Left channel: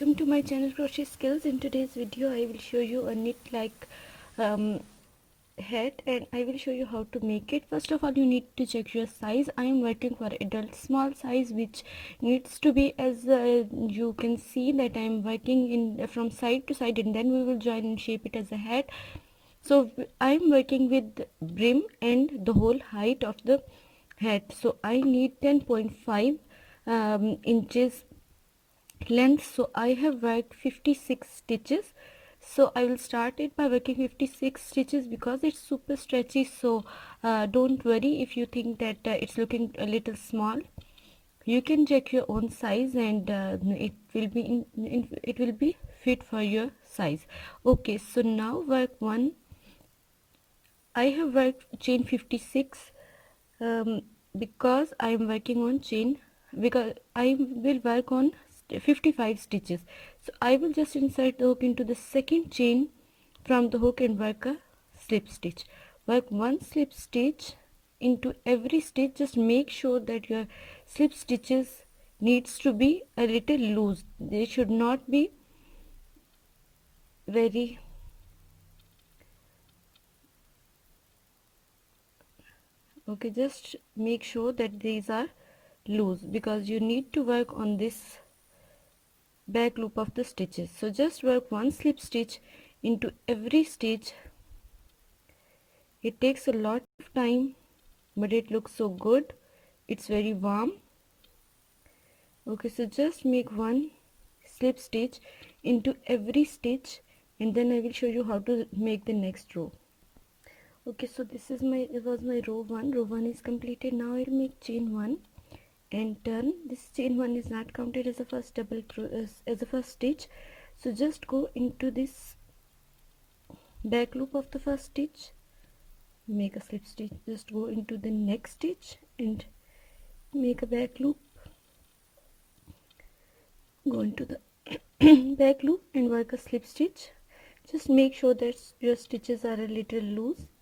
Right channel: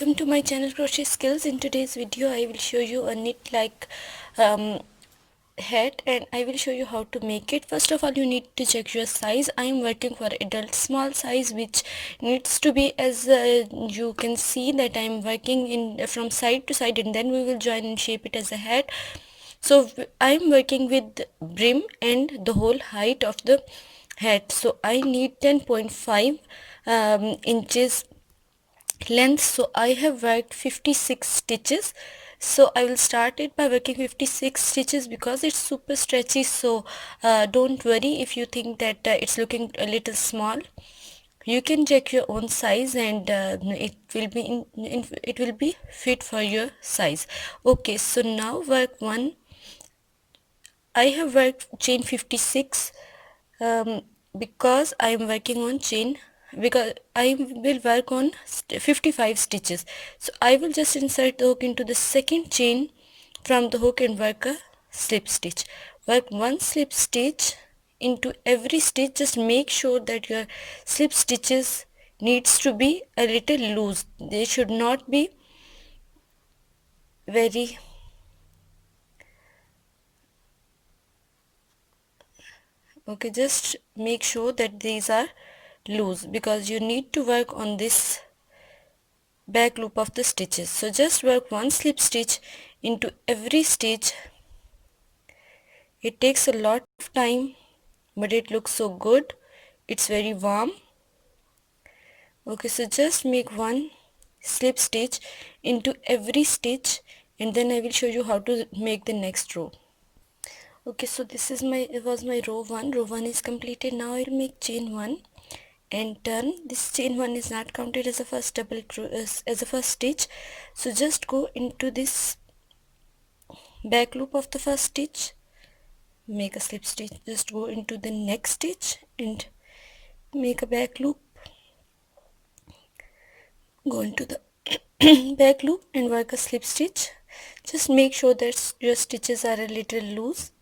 welcome to my channel Crochet Skills. In today's video I will show you a knit like hat, and I will show you how to make it. First of all, you need to check your size. I am working for adult small size, which needs to be, as you can see that I am working in from side to side, and then we will join and shape it as a hat. So I am working with brim and the whole height of the hat, so I need 10.5 inches length. So I have worked 56 stitches. So I will start it by working 56 stitches because it's super stretchy. So don't worry if you think that it's looking a little small. You can check your own size, and it will be it will be fit for your size. Okay, so now work one. I have worked chain 56 because I am working on chain, because I will work on 55 stitches. So I will just insert the hook into the second chain from the hook and work a slip stitch. Work one slip stitch into every stitch. Just make sure that your slip stitches needs to be a little loose. They should not be very okay. Just make sure that these are loose because you need to work on this back loop of the stitches. So just work one slip stitch into every stitch. It takes a lot of time, but it looks so good. It's very warm. Okay, so just make one slip stitch into every stitch, and then I will show you how to make the next row. Okay, so this is my row 1. Row 1 is completed. Now I'll make chain 1 and turn. This chain 1 is not counted as a first as a first stitch. So just go into this back loop of the first stitch, make a slip stitch, just go into the next stitch and make a back loop, go into the back loop and work a slip stitch. Just make sure that your stitches are a little loose,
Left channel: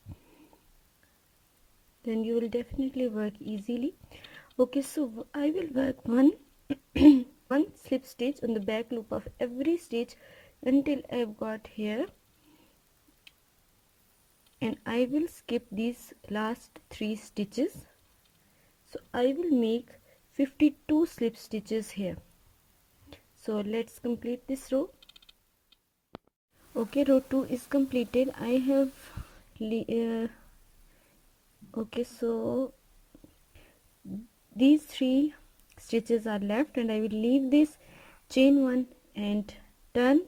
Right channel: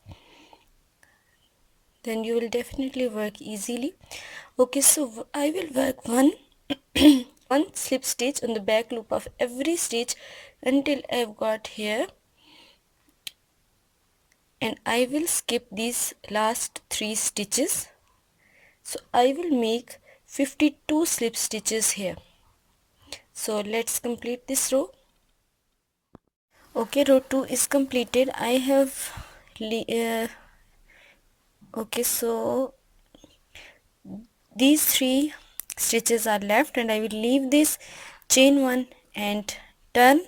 then you will definitely work easily. Okay, so I will work one one slip stitch on the back loop of every stitch until I've got here, and I will skip these last 3 stitches. So I will make 52 slip stitches here. So let's complete this row. Okay, row 2 is completed. I have okay, so these 3 stitches are left, and I will leave this chain 1 and turn,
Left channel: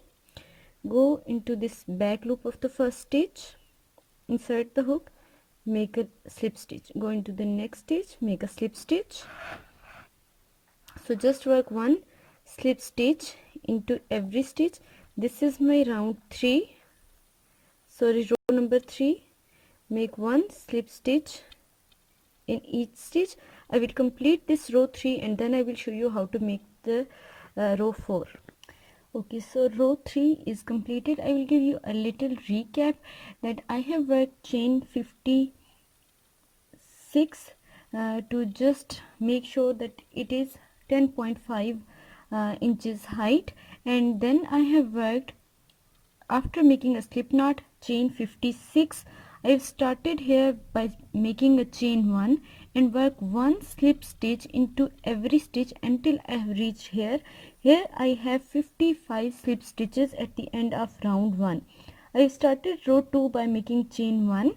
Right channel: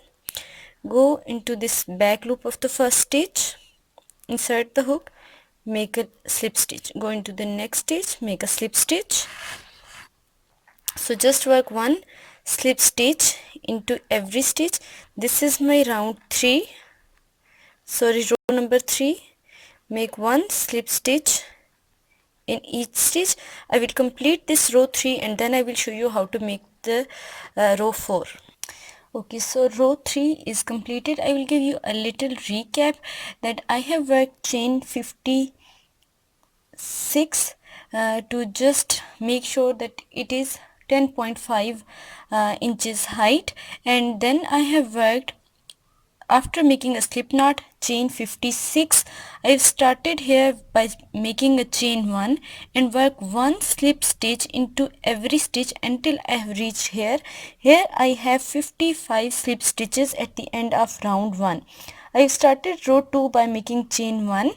go into this back loop of the first stitch, insert the hook, make a slip stitch, go into the next stitch, make a slip stitch. So just work one slip stitch into every stitch. This is my row 3, row number 3. Make one slip stitch in each stitch. I will complete this row 3 and then I will show you how to make the row 4. Okay, so row 3 is completed. I will give you a little recap that I have worked chain 56 to just make sure that it is 10.5 inches height, and then I have worked, after making a slip knot, chain 56. I've started here by making a chain 1 and work one slip stitch into every stitch until I have reached here. Here I have 55 slip stitches at the end of round 1. I've started row 2 by making chain 1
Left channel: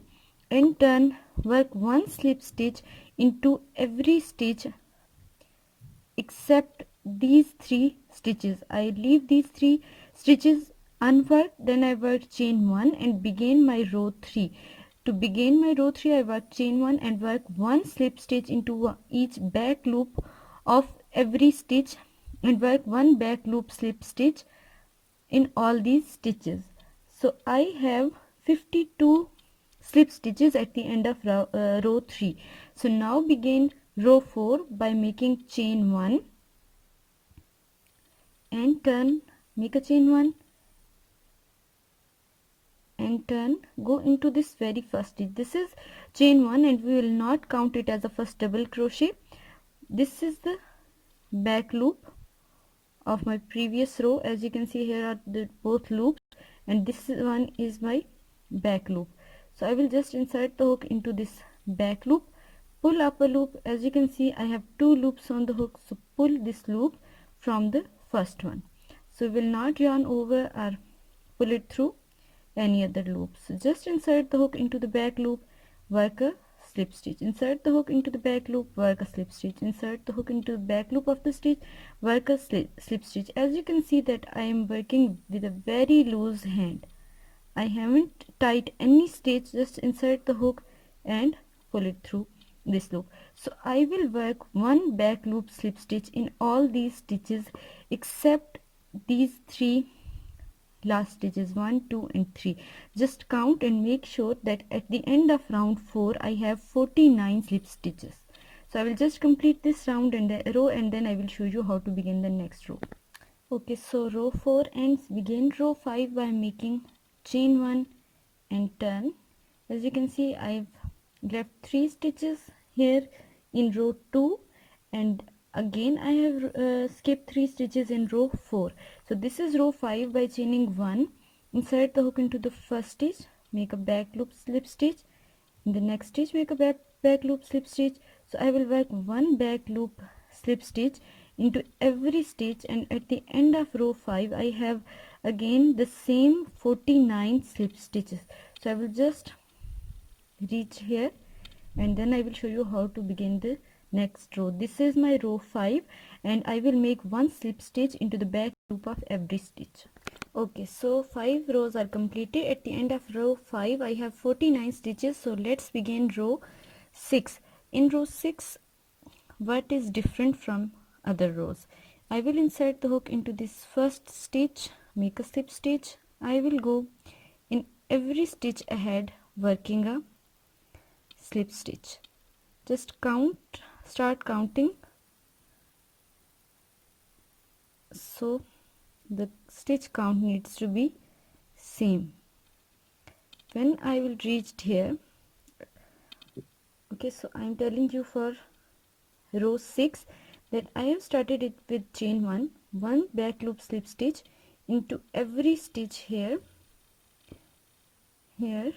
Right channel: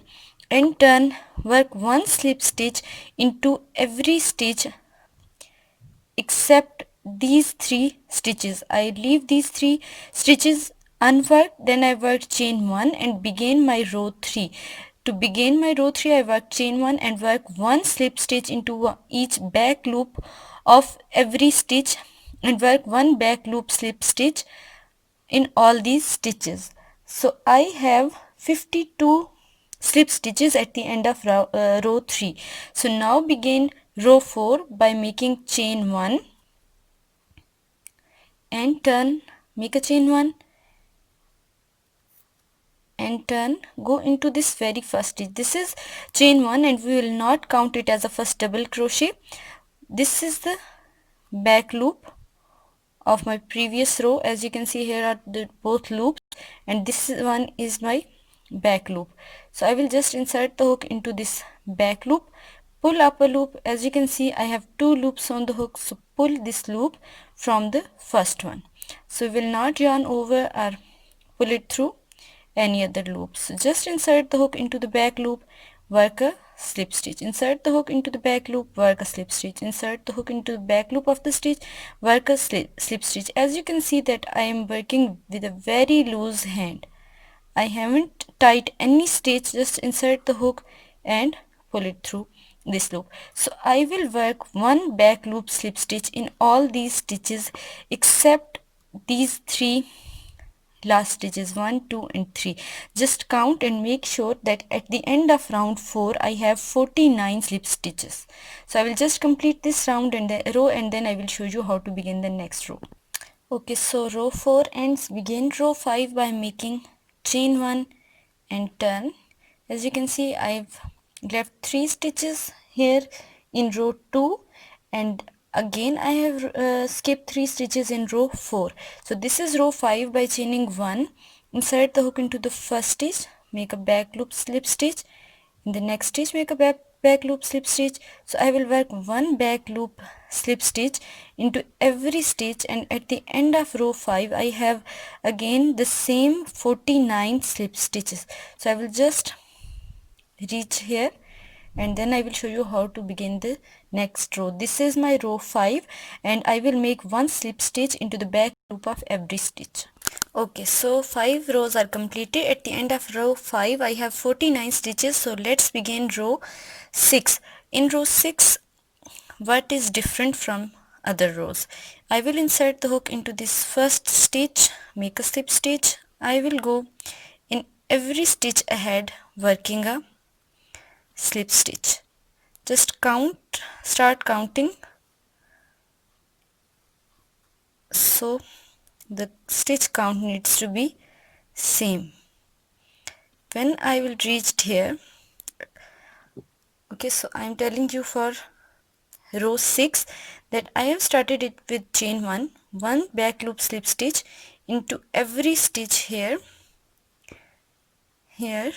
and turn, work one slip stitch into every stitch except these 3 stitches. I leave these 3 stitches unworked. Then I worked chain 1 and begin my row 3. To begin my row 3, I work chain 1 and work one slip stitch into each back loop of every stitch and work one back loop slip stitch in all these stitches. So I have 52 slip stitches at the end of row 3. So now begin row 4 by making chain 1 and turn, make a chain 1 and turn, go into this very first stitch. This is chain 1 and we will not count it as a first double crochet. This is the back loop of my previous row. As you can see, here are the both loops, and this one is my back loop. So I will just insert the hook into this back loop, pull up a loop. As you can see, I have two loops on the hook, so pull this loop from the first one. So we will not yarn over or pull it through any other loop. So just insert the hook into the back loop, work a slip stitch, insert the hook into the back loop, work a slip stitch, insert the hook into the back loop of the stitch, work a slip stitch. As you can see that I am working with a very loose hand. I haven't tied any stitch, just insert the hook and pull it through this loop. So I will work one back loop slip stitch in all these stitches except these three last stitches, 1, 2 and 3. Just count and make sure that at the end of round 4 I have 49 slip stitches. So I will just complete this round and the row, and then I will show you how to begin the next row. Okay, so row 4 ends. Begin row 5 by making chain 1 and turn. As you can see, I've left 3 stitches here in row 2, and again I have skipped 3 stitches in row 4. So this is row 5. By chaining 1, insert the hook into the first stitch, make a back loop slip stitch. In the next stitch, make a back loop slip stitch. So I will work one back loop slip stitch into every stitch, and at the end of row 5 I have again the same 49 slip stitches. So I will just reach here, and then I will show you how to begin the next row. This is my row 5, and I will make one slip stitch into the back loop of every stitch. Okay, so 5 rows are completed. At the end of row 5 I have 49 stitches. So let's begin row 6. In row 6, what is different from other rows? I will insert the hook into this first stitch, make a slip stitch. I will go in every stitch ahead working a slip stitch. Just start counting, so the stitch count needs to be same. When I will reach here, okay, so I am telling you for row 6 that I have started it with chain 1, one back loop slip stitch into every stitch here, here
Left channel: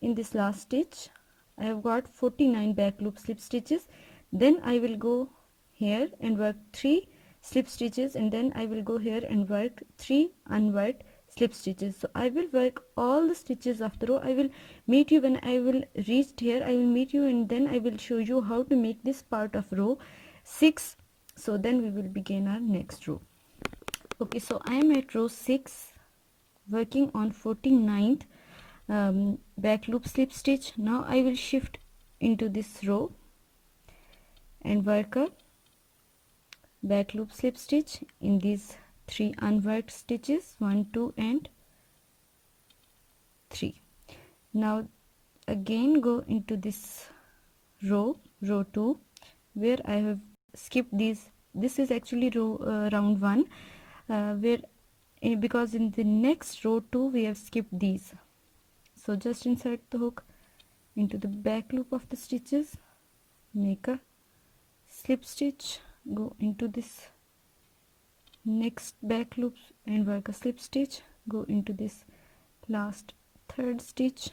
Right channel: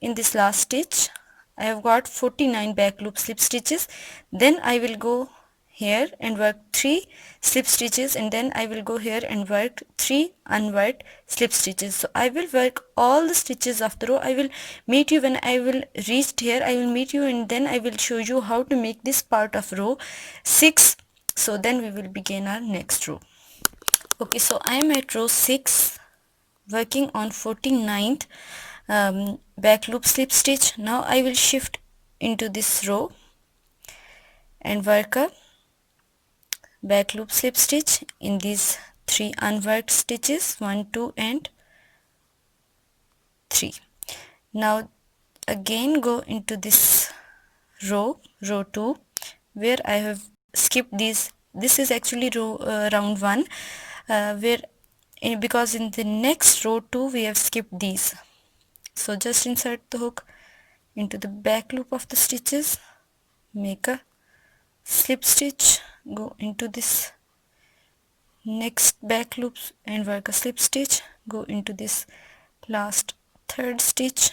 in this last stitch. I have got 49 back loop slip stitches. Then I will go here and work 3 slip stitches, and then I will go here and work 3 unworked slip stitches. So I will work all the stitches of the row. I will meet you when I will reach here. I will meet you, and then I will show you how to make this part of row 6. So then we will begin our next row. Okay, so I am at row 6 working on 49th back loop slip stitch. Now I will shift into this row and work a back loop slip stitch in these 3 unworked stitches, 1, 2 and 3. Now again go into this row 2, where I have skipped these. This is actually round 1, because in the next row 2 we have skipped these. So just insert the hook into the back loop of the stitches, make a slip stitch, go into this next back loop and work a slip stitch, go into this last third stitch,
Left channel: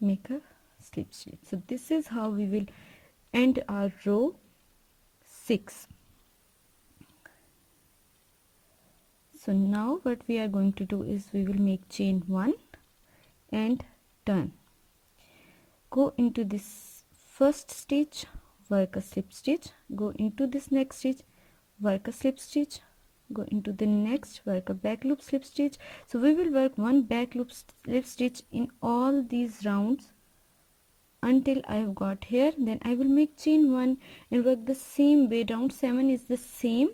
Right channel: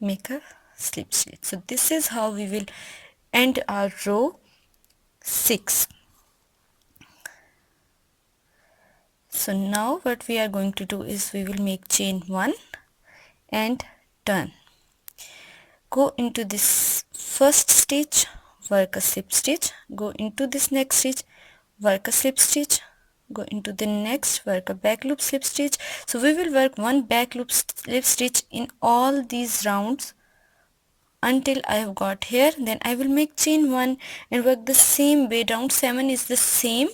make a slip stitch. So this is how we will end our row 6. So now what we are going to do is we will make chain 1 and turn. Go into this first stitch, work a slip stitch, go into this next stitch, work a slip stitch, go into the next, work a back loop slip stitch. So we will work one back loop slip stitch in all these rounds until I have got here. Then I will make chain 1 and work the same way. Round 7 is the same,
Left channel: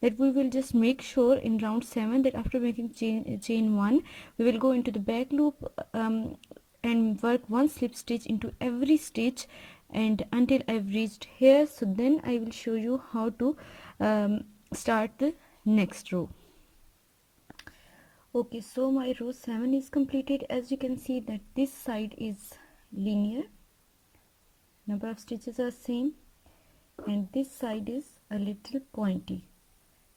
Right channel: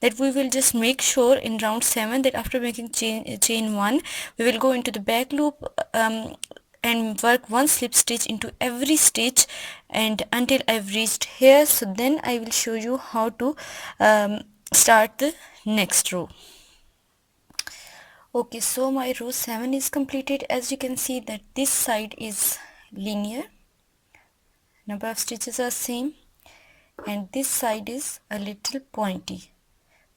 that we will just make sure in round 7 that after making chain 1 we will go into the back loop and work one slip stitch into every stitch and until I've reached here. So then I will show you how to start the next row. Okay, so my row 7 is completed. As you can see that this side is linear, number of stitches are same, and this side is a little pointy.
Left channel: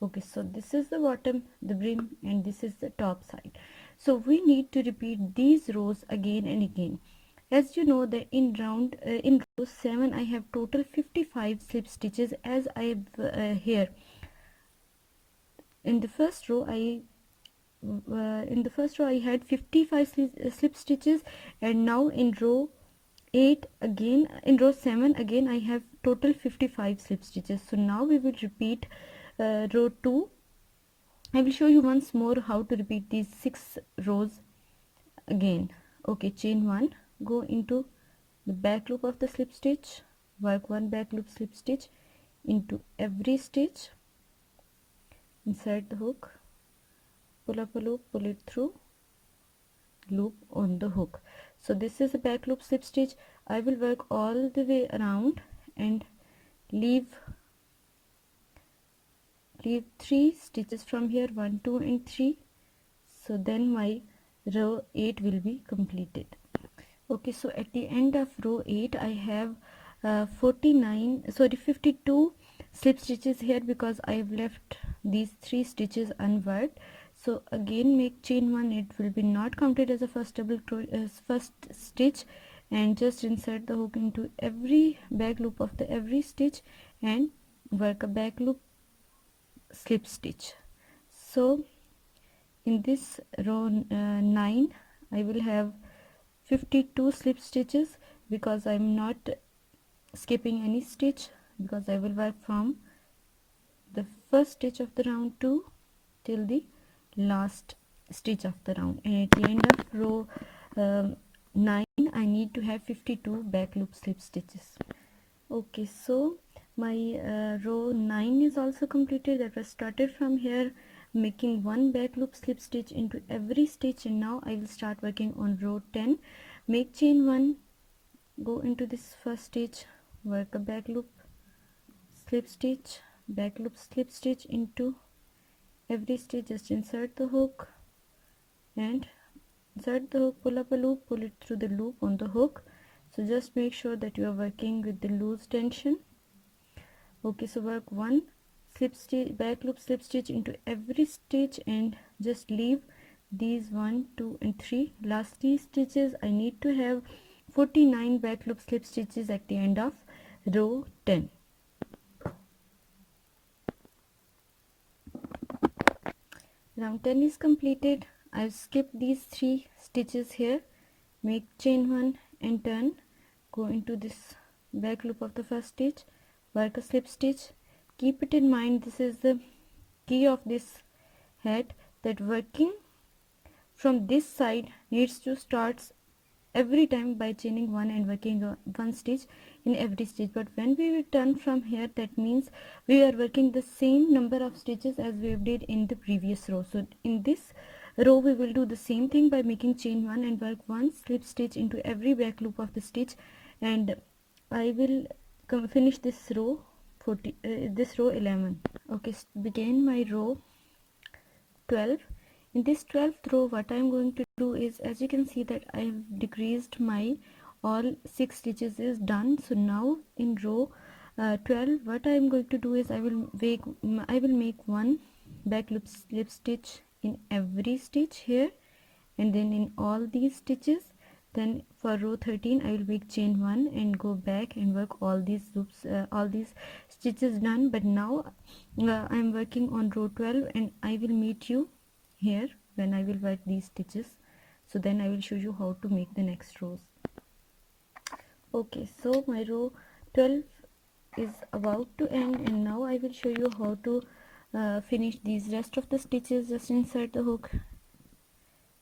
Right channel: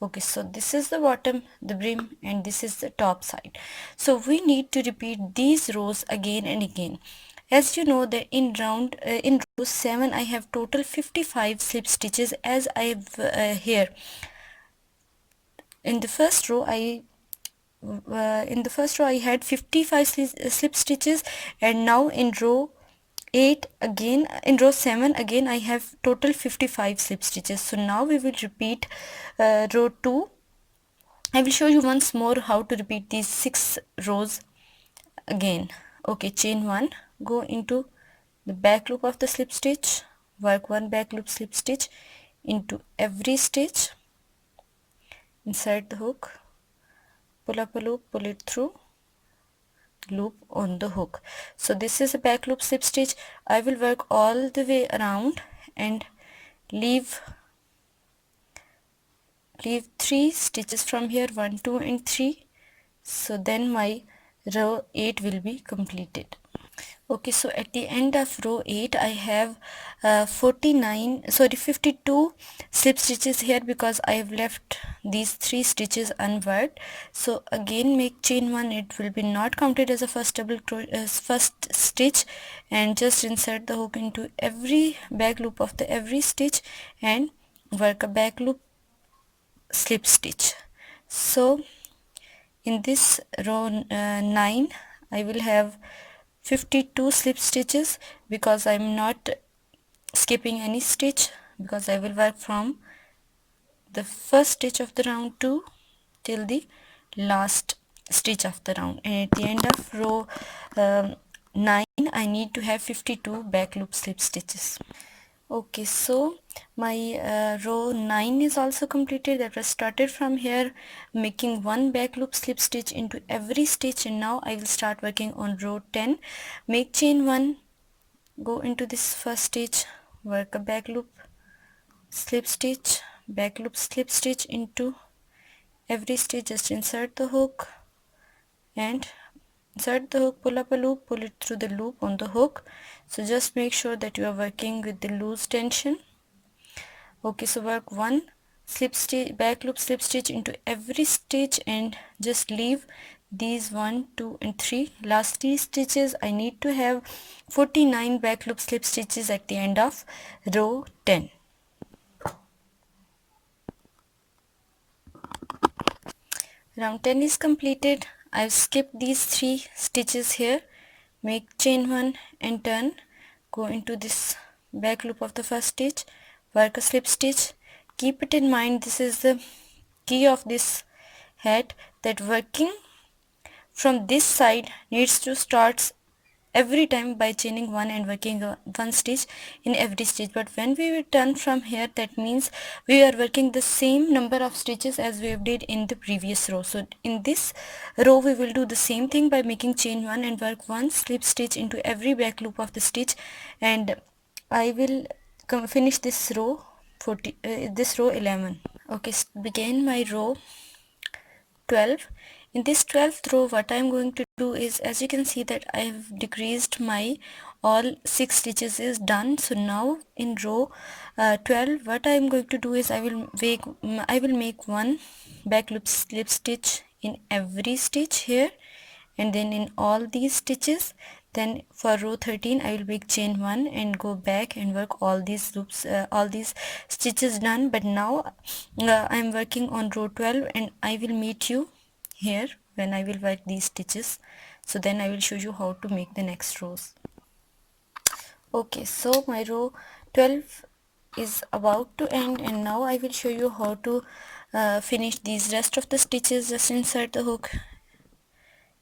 Okay, so this is the bottom, the brim, and this is the top side. So we need to repeat these rows again and again. As you know that in row 7 I have total 55 slip stitches, as I have here in the first row I had 55 slip stitches, and now in row 8 again, in row 7 again I have total 55 slip stitches. So now we will repeat row 2. I will show you once more how to repeat these 6 rows again. Okay, chain 1, go into the back loop of the slip stitch, work 1 back loop slip stitch into every stitch, insert the hook, pull up a loop, pull it through, loop on the hook. So this is a back loop slip stitch. I will work all the way around and leave 3 stitches from here, 1 2 and 3. So then my row 8 will be completed. Okay, so at the end of row 8 I have 52 slip stitches here, because I have left these 3 stitches unworked. So again make chain 1, it will be not counted as a first stitch, and just insert the hook into every back loop of the every stitch and work a back loop slip stitch. So in this row 9 I will have 52 slip stitches, because I'm not skipping any stitch, because I will work from the first stitch of the round 2 till the last stitch of the round, and at the end of row 9 I need to have 52 back loop slip stitches. Okay, so my row 9 is also completed. That was started from here, making 1 back loop slip stitch into every stitch, and now I will start working on row 10. Make chain 1, go into this first stitch, work a back loop slip stitch, back loop slip stitch into every stitch. Just insert the hook and insert the hook, pull up a loop, pull it through the loop on the hook. So just make sure that you are working with the loose tension. Okay, so work 1 slip stitch, back loop slip stitch into every stitch, and just leave these 1 2 and 3 last 3 stitches. I need to have 49 back loop slip stitches at the end of row 10. Round 10 is completed. I've skipped these 3 stitches here. Make chain 1 and turn, go into this back loop of the first stitch, work a slip stitch. Keep it in mind, this is the key of this hat, that working from this side needs to start every time by chaining 1 and working 1 stitch in every stitch. But when we will turn from here, that means we are working the same number of stitches as we did in the previous row. So in this row we will do the same thing by making chain 1 and work 1 slip stitch into every back loop of the stitch, and I will finish this row 11. Okay, begin my row 12. In this 12th row, what I am going to do is, as you can see that I have decreased my all 6 stitches is done. So now in row 12, what I am going to do is I will make 1 back loop slip stitch in every stitch here, and then in all these stitches. Then for row 13 I will make chain 1 and go back and work all these loops, all these stitches done. But now I am working on row 12, and I will meet you here when I will work these stitches. So then I will show you how to make the next rows. Okay, so my row 12 is about to end, and now I will show you how to finish these rest of the stitches. Just insert the hook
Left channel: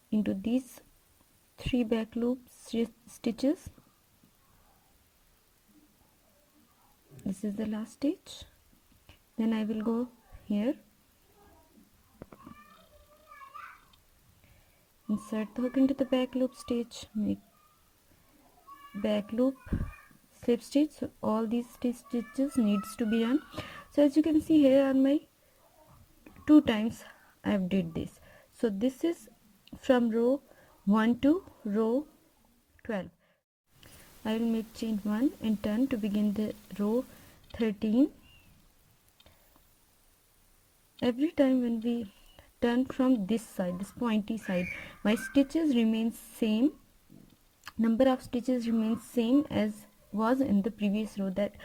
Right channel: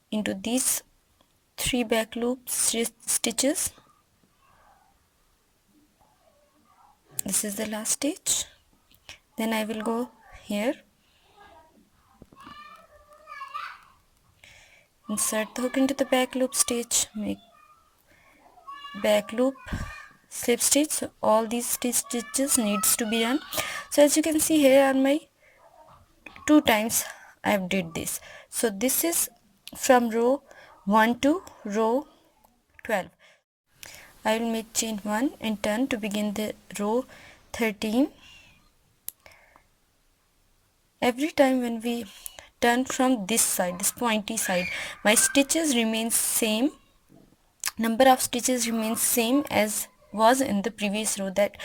into these 3 back loop stitches. This is the last stitch. Then I will go here, insert the hook into the back loop stitch, make back loop slip stitch. So all these stitches needs to be done. So as you can see, here are my 2 times I have did this. So this is from row 1 to row 12. I will make chain 1 and turn to begin the row 13. Every time when we turn from this side, this pointy side, my stitches remain same, number of stitches remains same as was in the previous row. That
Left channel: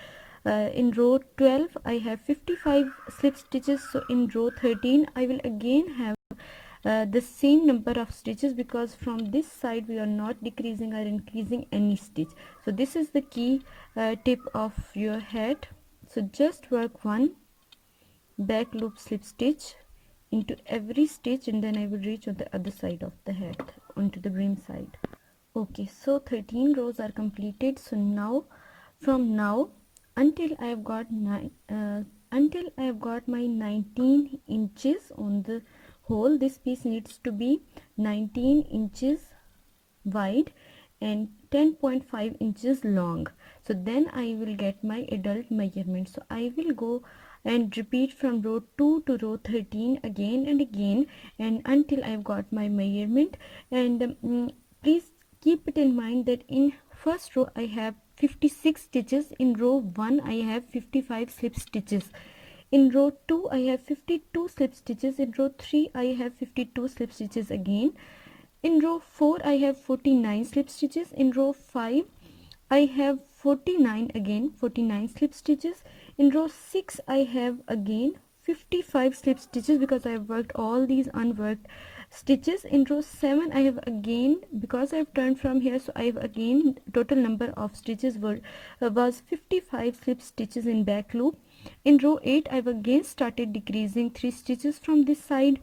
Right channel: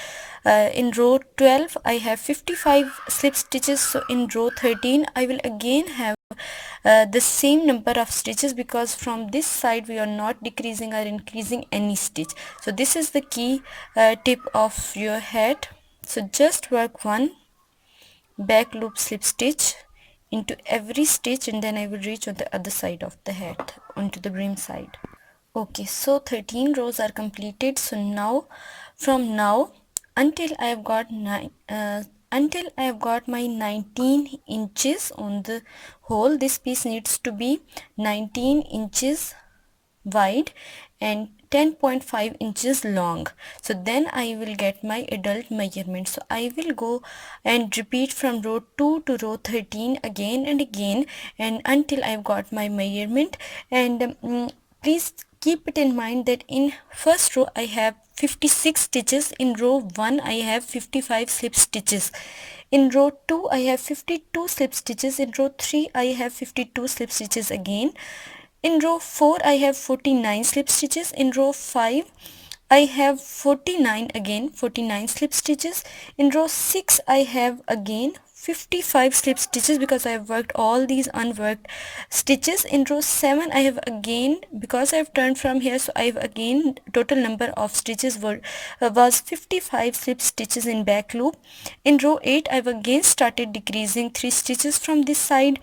in row 12 I have 55 slip stitches, so in row 13 I will again have the same number of stitches, because from this side we are not decreasing or increasing any stitch. So this is the key tip of your hat. So just work one back loop slip stitch into every stitch, and then I will reach on the other side of the hat, onto the brim side. Okay, so 13 rows are completed. So now, from now until I have got until I have got my 19 inches on the hole, this piece needs to be 19 inches wide and 10.5 inches long. So then I will get my adult measurement. So I will go and repeat from row 2 to row 13 again and again, and until I've got my measurement. And please keep it in mind that in first row I have 56 stitches, in row 1 I have 55 slip stitches, in row 2 I have 52 slip stitches, in row 3 I have 52 slip stitches again, in row 4 I have 49 slip stitches, in row 5 I have 49 again, 49 slip stitches, in row 6 I have again 55 slip stitches because I have worked all these unworked stitches, in row 7 I have again, because I have turned from here, so I have again total number of stitches was 55 slip stitches in back loop, in row 8 I have again started decreasing 3 stitches from this side,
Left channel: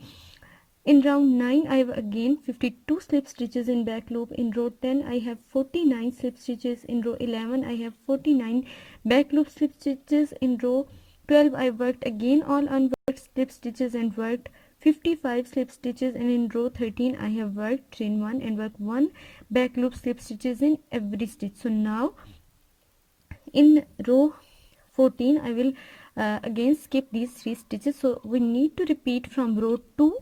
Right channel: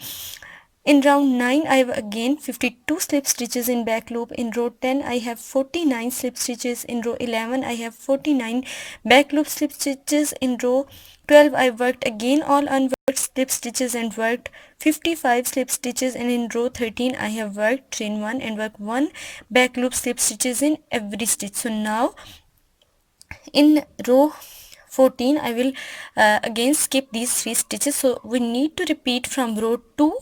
in round 9 I have again 52 slip stitches in back loop, in row 10 I have 49 slip stitches, in row 11 I have 49 back loop slip stitches, in row 12 I worked again all unworked slip stitches and worked 55 slip stitches, and in row 13 I have worked chain 1 and worked 1 back loop slip stitches in every stitch. So now in row 14 I will again skip these 3 stitches, so we need to repeat from row 2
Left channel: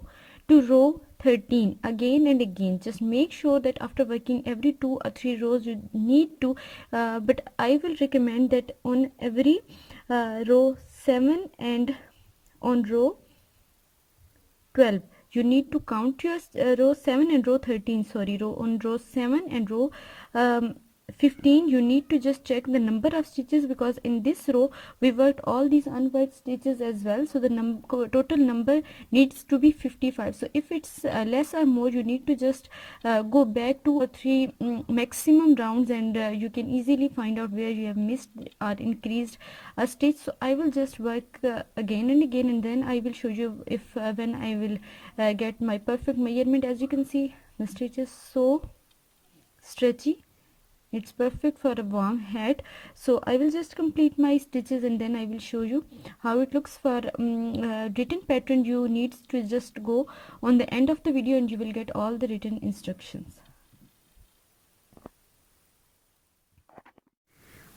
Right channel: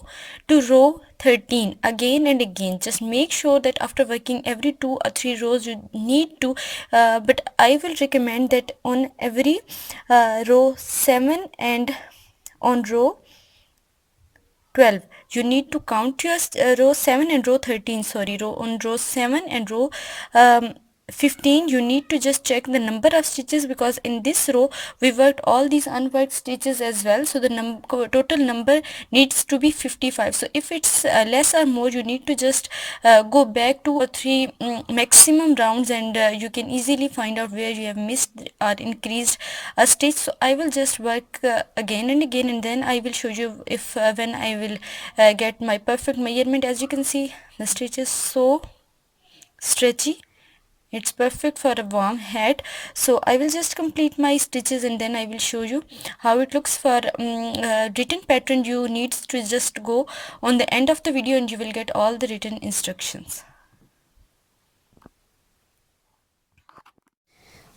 to row 13 again and again. Just make sure that after working every 2 or 3 rows you need to but I will recommend that on every row 7 and on row 12 you need to count your row 7 and row 13, sorry, row 7 and row 15 you need to just check the number of stitches, because in this row we worked all these unworked stitches as well, so the total number needs to be 55. So if it's less or more, you need to just go back 2 or 3 maximum rounds, and you can easily find out where you have missed or increased a stitch. So I will just work again and again, and then I will show you if when I will get my perfect measurement. As you can see, the stitch is so stretchy, it's perfect for a warm hat. So I will just complete my stitches and then I will show you how it looks. For written pattern you need to just go on the end of the video and you will get all the written instructions.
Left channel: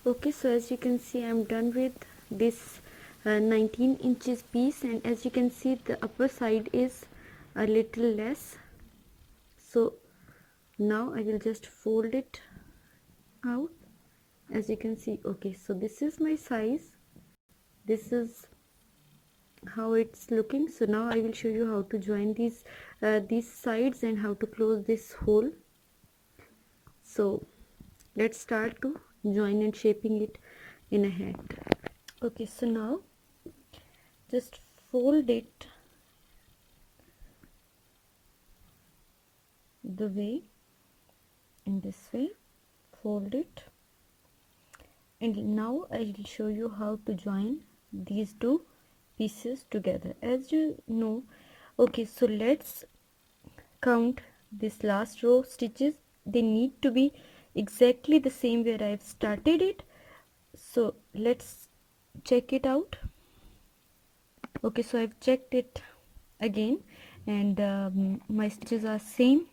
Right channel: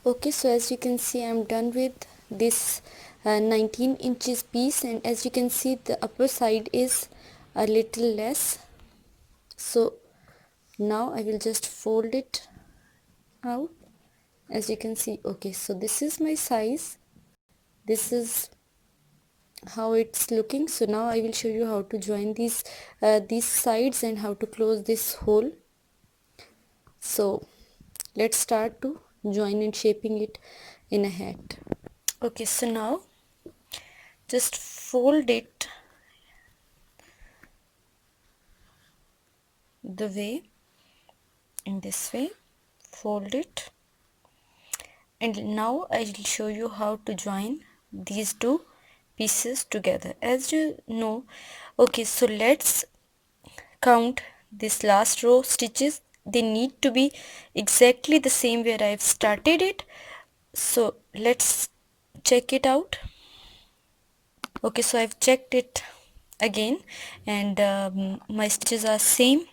Okay, so as you can see I'm done with this 19 inches piece, and as you can see the upper side is a little less. So now I will just fold it out. As you can see, okay, so this is my size, this is how it's looking. So now I will show you how to join these sides and how to close this hole. So let's start to join and shaping it in a hat. Okay, so now just fold it the way, in this way, fold it, and now I will show you how to join these two pieces together. As you know, okay, so let's count this last row stitches. They need to be exactly the same where I've started it. So let's check it out. Okay, so I've checked it again, and my stitches are same.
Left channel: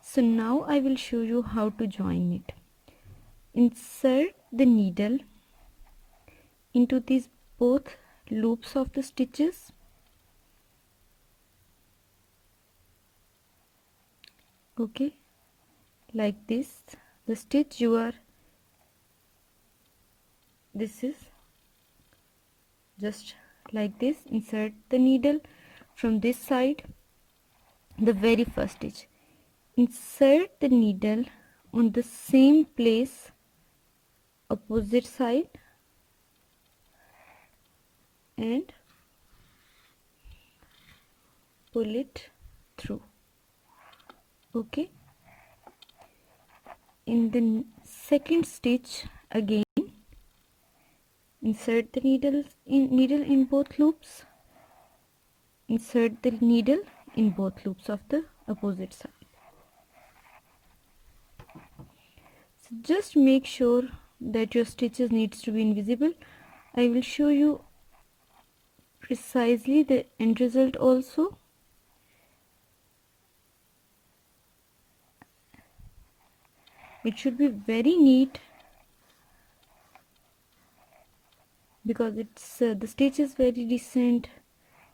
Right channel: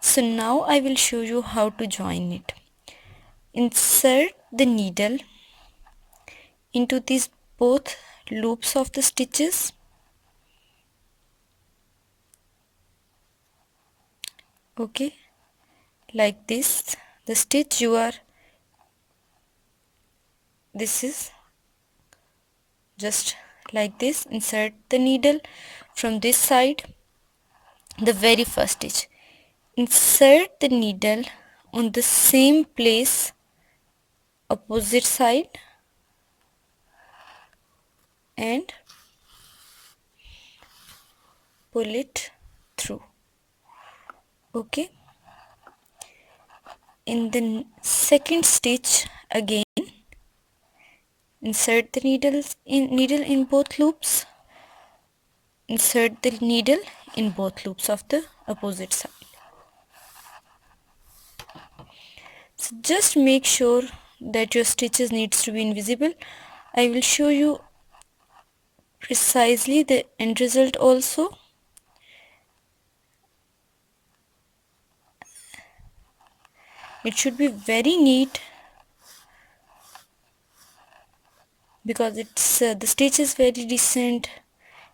So now I will show you how to join it. Insert the needle into these both loops of the stitches. Okay, like this. The stitch you are, this is just like this. Insert the needle from this side, the very first stitch. Insert the needle on the same place, opposite side, and pull it through. Okay, in the second stitch again, insert the needle in both loops. Insert the needle in both loops of the opposite side. So just make sure that your stitches needs to be invisible. I will show you precisely the end result also. It should be very neat because it's the stitch is very decent.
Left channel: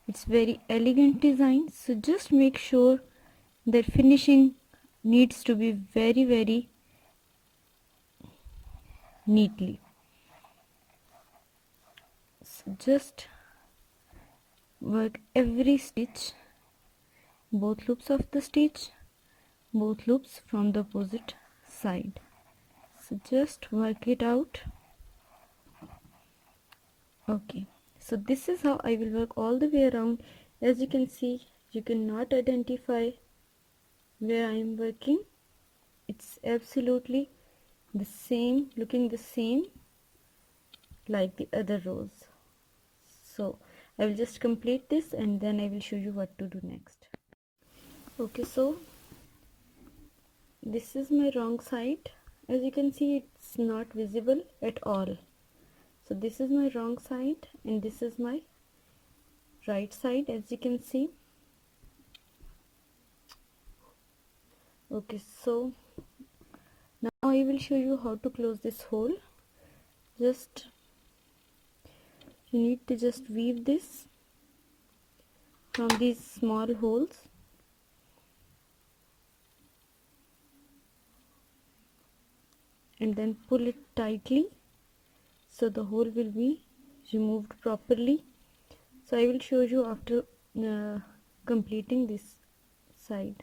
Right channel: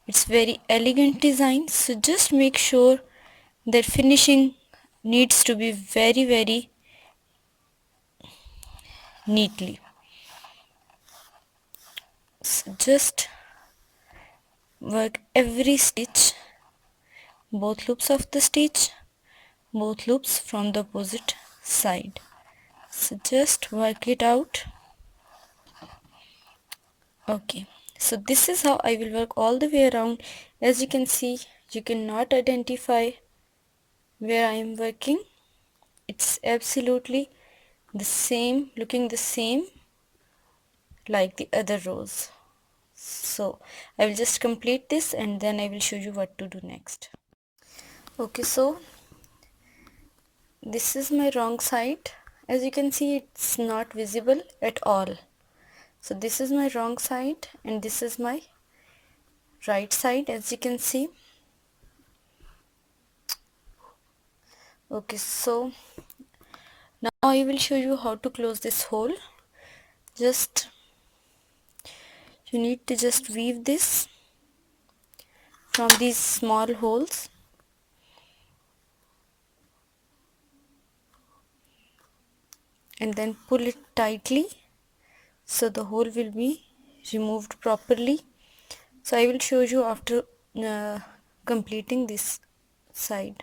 It's very elegant design. So just make sure that finishing needs to be very neatly. So just work every stitch, both loops of the stitch, both loops from the opposite side. So just work it out. Okay, so this is how I will work all the way around. As you can see, you cannot identify where I am working. It's absolutely the same, looking the same like the other rows. So I will just complete this and then I will show you what to do next. Okay, so this is my wrong side. As you can see, it's not visible at all. So this is my wrong side and this is my right side, as you can see. Okay, so now I will show you how to close this hole. Just you need to just weave this from these small holes, and then pull it tightly so the hole will be removed properly. So I will show you after completing this side.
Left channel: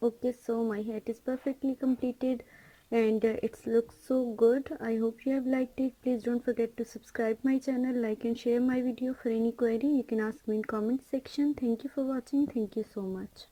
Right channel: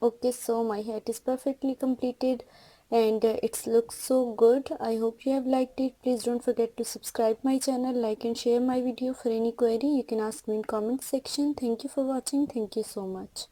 Okay, so my hat is perfectly completed and it looks so good. I hope you have liked it. Please don't forget to subscribe my channel, like and share my video. For any query you can ask me in comment section. Thank you for watching. Thank you so much.